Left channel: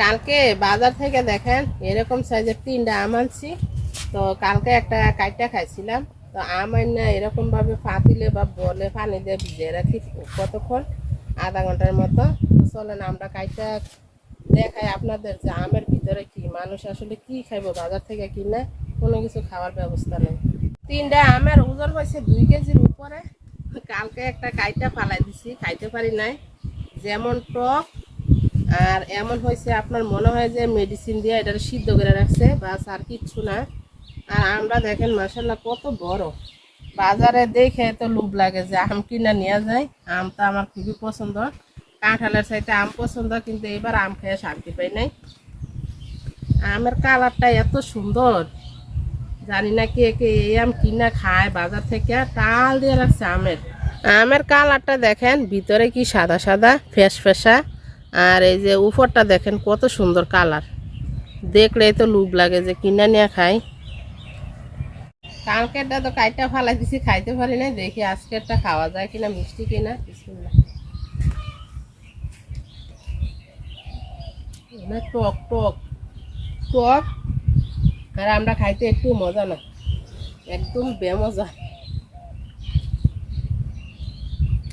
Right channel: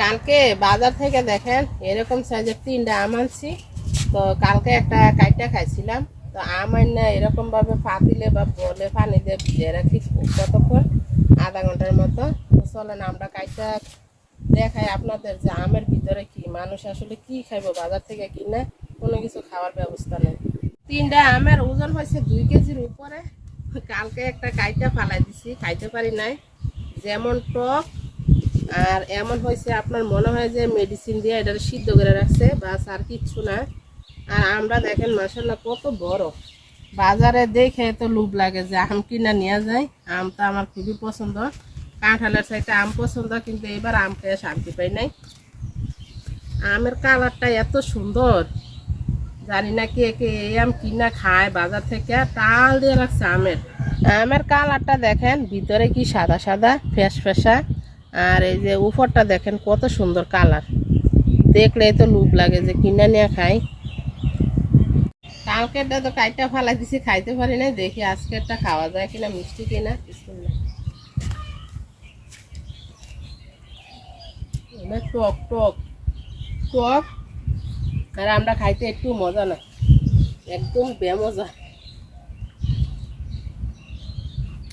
কালকে বাজার থেকে দেখেন এরকম সাইজের 3টা আম আনছি। তো কালকে একটা কাইটা খাইছিলাম। তো আম না এরকম ভাবে পাতিলে বা বলে পানি দিয়ে ভিজিয়ে রাখি কতক্ষণ, আধা ঘন্টার মতো। তো চলেন আমরা কাইটা দেখাই আপনাদের যে আমের ভিতরে কি, মানুষ আসলে কি খাইবো বাজার থেকে কিনে, কোনো কিছু খাওয়ার ব্যবস্থা নেই। 3টা আমের ওজন হয়েছে 2 কেজির উপরে। কালকে একটা কাইটা ফালাই দিছি, খাইতে পারি নাই, যেমন টক আর এমন হয়েছে আপনার মনে হয় যে মেডিসিন দিয়ে এটা সিদ্ধ করে রাখছে, বাস আর কিচ্ছু না। আর আমরা দেখেন মাশাআল্লাহ কত বড়, বাজারে দেখে তো লোভ লাগে যে আম কিনা নিয়ে যায়। আমটা আমার খুবই পছন্দ, কাঁঠালের চাইতে আম পছন্দ, কিন্তু এবার আম খেয়ে শান্তি পাই নাই। আমের কালারটা এত সুন্দর, জানি না কে কে এই আম কিনা খায় বাজার থেকে, টাল দিয়ে রাখছে আমের। আমের কালারটা দেখেন, ভিতরে কি সাদা সাদা ফেস ফেসা, আর এই যে উপরটা দেখেন কত সুন্দর কালার, দেখলেই তো লোভ লাগে যে কিনা নিয়ে খাই। কালকেরটা তো কাইটা ফালাই দিছি, খাইতে পারি না, দেখি আজকেরটা খাওয়া যায় কিনা, মিষ্টি কিনা। বিসমিল্লাহ। টক টক টক, আর আমরা খাইতে একটু মজা না, একদম বেমজা।